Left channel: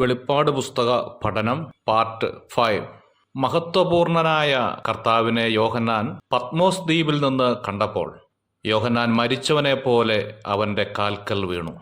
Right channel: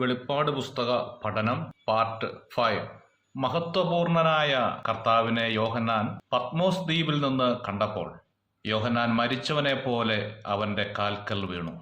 വെളിപ്പാട് പുസ്തക പഠനം പാർട്ട് 5. മഹത്വപൂർണനായ കർത്താവിനെ യോഹന്നാൻ പത്മോസ് ദ്വീപിൽ നിന്ന് കണ്ടപ്പോൾ യോഹന്നാൻ മരിച്ചവനെ പോലെ അവൻ്റെ കാൽക്കൽ വീണു.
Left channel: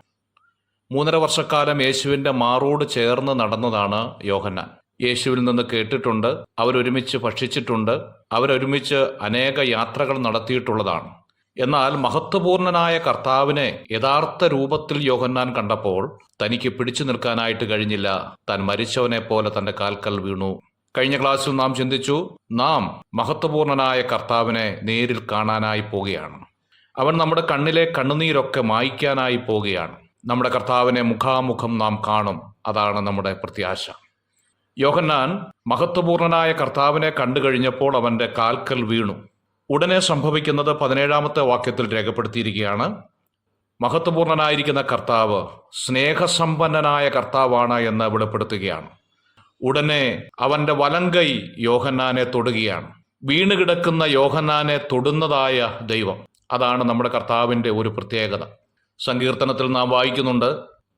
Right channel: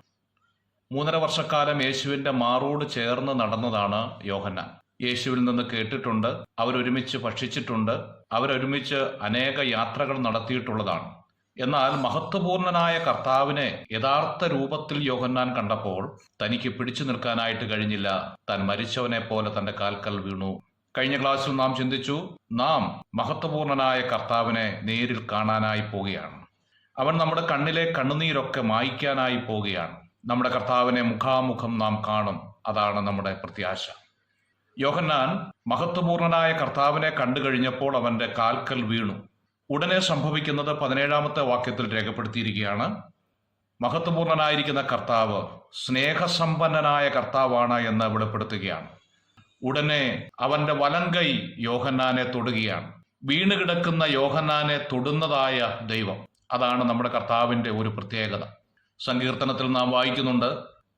3.5 വർഷക്കാലം യേശുവിൻ്റെ മാറോട് ചേർന്ന് നടന്നതാണ് യോഹന്നാൻ. യേശുവിൽ നിന്ന് കേട്ടിട്ടുണ്ട്, അവരൊരുമിച്ച് ഭക്ഷിച്ചിട്ടുണ്ട്, അവരൊരുമിച്ച് അനേക യാത്രകൾ നടത്തിയിട്ടുള്ളതാണ്. എന്നാൽ മഹത്വപൂർണനായ കർത്താവിനെ യഥാർത്ഥ രൂപത്തിൽ യോഹന്നാൻ കണ്ടപ്പോൾ തനിക്ക് പിടിച്ചു നിൽക്കാനായിട്ട് കഴിഞ്ഞില്ല. താൻ മരിച്ചവനെ പോലെ തൻ്റെ കാൽക്കൽ വീണു. കഴിഞ്ഞ ക്ലാസ്സിൽ നാം ചിന്തിച്ചു, നാം മഹത്വപൂർണനായ കർത്താവിനെ നേരിൽ കാണാനായി പോവുകയാണ്. അവൻ നമ്മുടെ കണ്ണിലെ കണ്ണുനീരൊക്കെ മായ്ക്കാനായി പോവുകയാണ്. നമ്മുടെ കർത്താവിനെ മുഖാമുഖം നാം കാണും. അതാണ് നമ്മുടെ പ്രത്യാശ. യോഹന്നാൻ മഹത്വപൂർണനായ കർത്താവിനെ കണ്ടു കഴിഞ്ഞപ്പോൾ അവൻ്റെ കാൽക്കൽ വീണു. ഉടനെ സംഭവിക്കുന്നത് 17-ാമത്തെ വാക്യത്തിൽ രേഖപ്പെടുത്തിയിരിക്കുകയാണ്. മഹത്വപൂർണനായിരിക്കുന്ന കർത്താവ് സ്നേഹസമ്പന്നനായ കർത്താവാണ് എന്ന് വെളിപ്പെടുത്തുകയാണ്. ഉടനെ അവൻ്റെ വലങ്കൈ യോഹന്നാനെ തൊടുകയാണ്. വീണുകിടക്കുന്ന യോഹന്നാനെ തൊടുന്നതായ ദൈവം, അതാണ് നമ്മുടെ കർത്താവിൻ്റെ ഒരു പ്രത്യേകത. സങ്കീർത്തനത്തിൽ നാം വായിക്കുന്നുണ്ട്,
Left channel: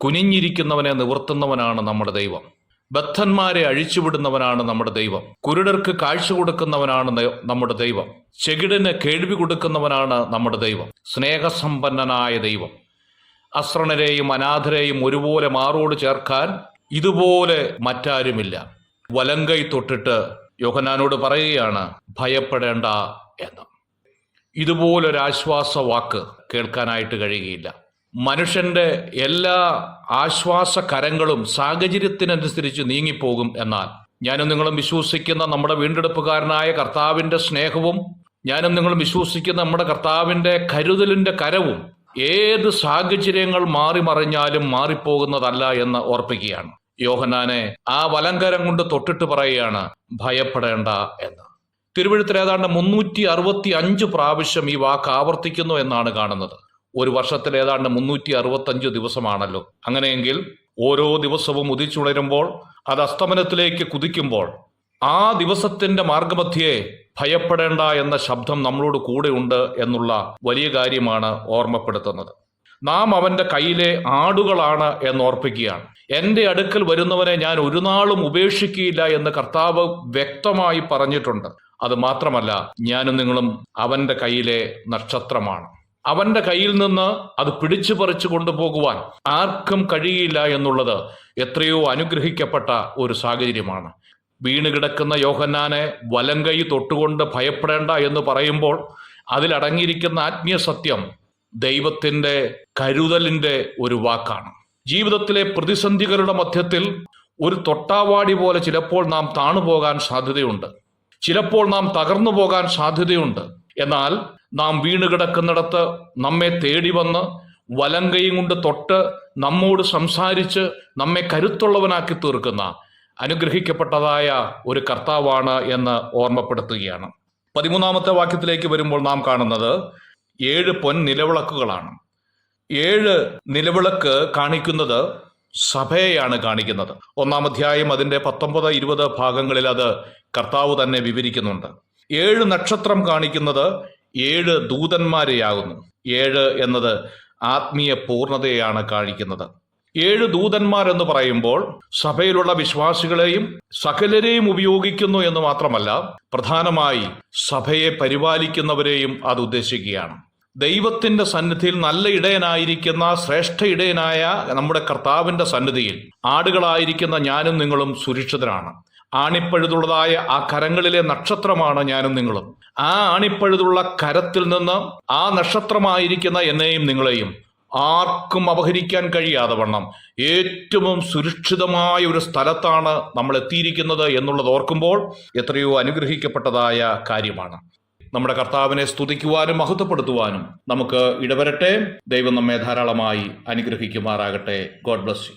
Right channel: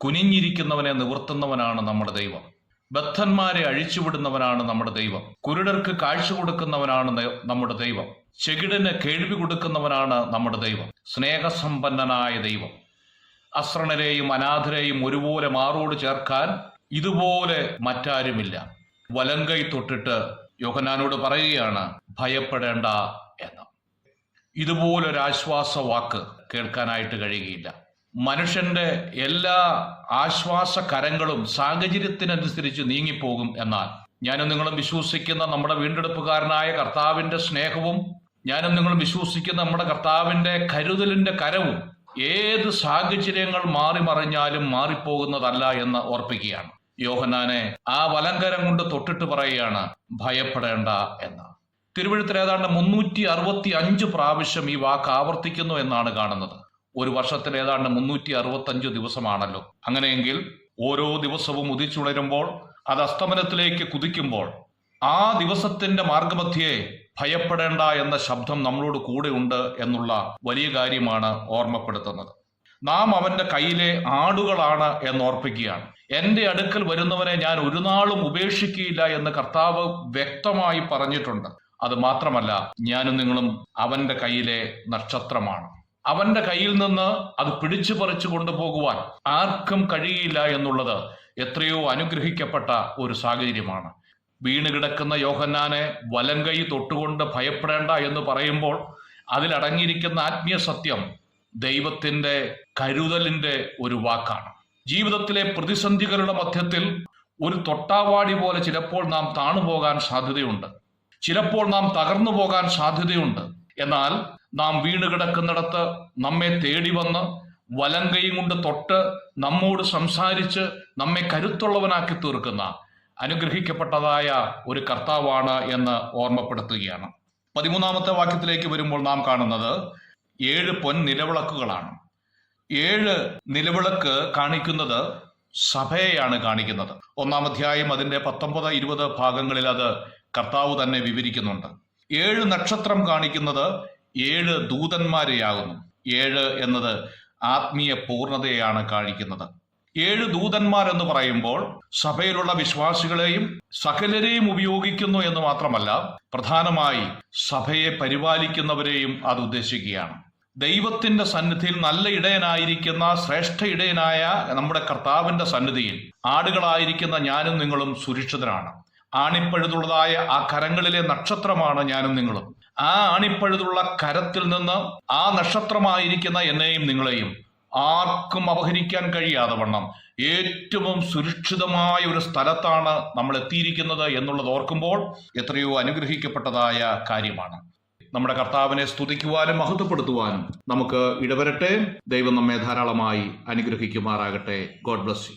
കുനിഞ്ഞിരിക്കുന്നവനെ നിവർത്തുന്നവനാണ് നമ്മുടെ ദൈവം. ബദ്ധന്മാരെ അഴിച്ചുവിടുന്നവനാണ് നമ്മുടെ ദൈവം. കുരുടർക്ക് കാഴ്ച കൊടുക്കുന്നവനാണ് നമ്മുടെ ദൈവം. ചെകിടന് കേൾവി കൊടുക്കുന്നവനാണ് നമ്മുടെ ദൈവം. സ്നേഹസമ്പന്നനായ ദൈവം. അശ്രണരെയും അനാഥരെയും ഒരുപോലെ മാറോട് ചേർക്കാൻ ഇതുപോലെ മറ്റാരുമില്ല. വലങ്കൈ തൊട്ടിട്ട് യോഹന്നാനോട് പറയുകയാണ്, ഭയപ്പെടേണ്ട എന്ന്. ഇതുപോലൊരാശ്വാസ വാക്ക് കേൾക്കാനായിട്ട് കഴിയുകയില്ല. മനുഷ്യന്റെ എല്ലാ ആശ്വാസ കരങ്ങളും സാഹചര്യത്തിനനുസരിച്ച് നീങ്ങിപ്പോകും. എന്നാൽ ഞാനും നിങ്ങളും വിശ്വസിക്കുന്ന നമ്മുടെ വീണ്ടെടുപ്പുകാരനായ കർത്താവിന്റെ സ്നേഹവും, ഞാനും നിങ്ങളും വിശ്വസിക്കുന്ന നമ്മുടെ കർത്താവിന്റെ കരുതലിന്റെ കരവും ഏത് സാഹചര്യങ്ങൾ മാറി മറിഞ്ഞാലും മാറിപ്പോകുന്നതല്ല എന്ന് ഓർപ്പിക്കുകയാണ്. യോഹന്നാനെ ആ വലങ്കരം കൊണ്ട് തൊട്ടിട്ട് പറയുകയാണ്, ഭയപ്പെടേണ്ട എന്ന്. തിരുവെഴുത്തിൽ ഏതാണ്ട് 365 പ്രാവശ്യം ഈ വാക്ക് ആവർത്തിക്കുന്നു എന്നാണ് കാണുന്നത്. ഒരു വർഷത്തിൽ ഏതാണ്ട് 365 ദിവസമാണല്ലോ. അങ്ങനെയെങ്കിൽ ഓരോ ദിവസവും ഉദിച്ചുണരുമ്പോൾ, അത് അസ്തമനത്തിലേക്ക് കുതിക്കുമ്പോൾ, ആ ദിവസത്തിന്റെ മാർഗമധ്യേ ഭയപ്പെടേണ്ട എന്ന ശബ്ദം നമ്മളോട് കൂടെ ഉണ്ട് എന്നുള്ള വലിയ കാര്യമാണ് ഓർമ്മപ്പെടുത്തുന്നത്. നാം അവന്റെ കയ്യിലെ ആടുകളാണ് എന്നോർപ്പിക്കുകയാണ്. എന്റെ അടുക്കൽ വരുന്നവനെ ഞാൻ ഒരു നാളും ഉപേക്ഷിക്കുകയില്ല എന്ന് കർത്താവ് വ്യക്തമായി പറഞ്ഞിട്ടുണ്ട്. അത് മാത്രമല്ല, ഞാനും നിങ്ങളും അവന്റെ കയ്യിലെ നക്ഷത്രമാണ്. അവന്റെ കയ്യിൽ നിന്ന് അത് പിടിച്ചു പറിച്ചു കൊണ്ടുപോകുവാൻ ആർക്കും കഴിയില്ല എന്നുള്ളത് എത്രയോ അനുഗ്രഹിക്കപ്പെട്ട ഒരു സാഹചര്യമാണ്. വീണുകിടക്കുന്ന യോഹന്നാനെ വലങ്കൈ തൊട്ടുകൊണ്ട് ഭയപ്പെടേണ്ട എന്ന് പറയുമ്പോൾ അതിലടങ്ങിയിരിക്കുന്ന ആത്മീയ സത്യം ദൈവത്തിന്റെ കരുതലിന്റെ ഒരു വാക്കാണ്. ജീവിതത്തിലെ പ്രതിസന്ധികളുടെ മധ്യത്തിൽ ഒരു തൊട്ടാവാടി പോലെ ചിലപ്പോൾ നാം താണുപോകാൻ സാധ്യതയുണ്ട്, ചിലപ്പോൾ നാം തകർന്നു പോകാൻ സാധ്യതയുണ്ട്. എന്നാൽ നാം വീണുകിടക്കുന്നിടത്ത് നമ്മെ തേടി വന്ന് വലങ്കയും കൊണ്ട് തൊട്ട് നമ്മോട് സംസാരിച്ച് നമ്മെ കരുത്തുള്ളവനാക്കി തീർക്കുന്ന അനുഗ്രഹിക്കപ്പെട്ടതായ ഒരു കർത്താവാണ് എന്ന് ഓർമ്മപ്പെടുത്തുകയാണ്. 13-ാമത്തെ വാക്യത്തിലേക്ക് വരുമ്പോൾ നാം കാണുന്നത് 7 പൊൻ നിലവിളക്കുകളാണ്. 7 നിലവിളക്ക് കാണിക്കുന്നത് സഭയെയാണ് കാണിക്കുന്നത്. 1-ാം അധ്യായം അതിന്റെ 19-20 ഭാഗങ്ങളിൽ അത് കർത്താവ് തന്നെ വിവരിക്കുന്നുണ്ട്. 7 നക്ഷത്രം കാണിക്കുന്നത് 7 ദൂതന്മാരെയാകുന്നു. 7 എന്നത് ആത്മീയ പൂർണ്ണതയാണ് കാണിക്കുന്നത്. 7 ദൂതന്മാർ എന്ന് പറയുമ്പോൾ സഭയിലുള്ള വിശ്വാസികളെയും സകലരെയും ഉപയോഗിക്കുന്നു എന്ന് മാത്രമല്ല, പ്രധാനമായി സഭയെ പരിപാലിക്കുന്നവരെയും അത് ഉദ്ദേശിക്കുകയാണ്. ദൈവത്തിന്റെ സന്നിധിയിൽ നല്ല ഇടയനായിരിക്കുന്ന ശ്രേഷ്ഠ ഇടയനായ നമ്മുടെ കർത്താവിന്റെ സന്നിധിയിൽ ആടുകളായിരിക്കുന്ന ഞാനും നിങ്ങളും സുരക്ഷിതരാണ്. ആണിപ്പഴുതുള്ളതായ ആ കരങ്ങളിലെ നക്ഷത്രമാണ് ഞാനും നിങ്ങളും. ആ ആണിപ്പഴുതുള്ള കരത്തിൽ നിന്ന് ആ നക്ഷത്രമായിരിക്കുന്ന എന്നെയും നിങ്ങളെയും ആർക്കും അപഹരിക്കാൻ കഴിയാതെ വണ്ണം ഏറ്റവും സുരക്ഷിതമായ ഒരു സ്ഥലത്താണ് നമ്മൾ എത്തിയിരിക്കുന്നത് എന്നുള്ളത് ഓർക്കുമ്പോൾ എത്രയോ അനുഗ്രഹിക്കപ്പെട്ടതായ കാര്യമാണ്. നമ്മുടെ കർത്താവിനെ സ്തുതിക്കുവാനും മഹത്വപ്പെടുത്തുവാനും നമുക്ക് ഇടവരട്ടെ. ദൈവം നമ്മെ ധാരാളമായി അനുഗ്രഹിക്കുമാറാകട്ടെ. God bless you.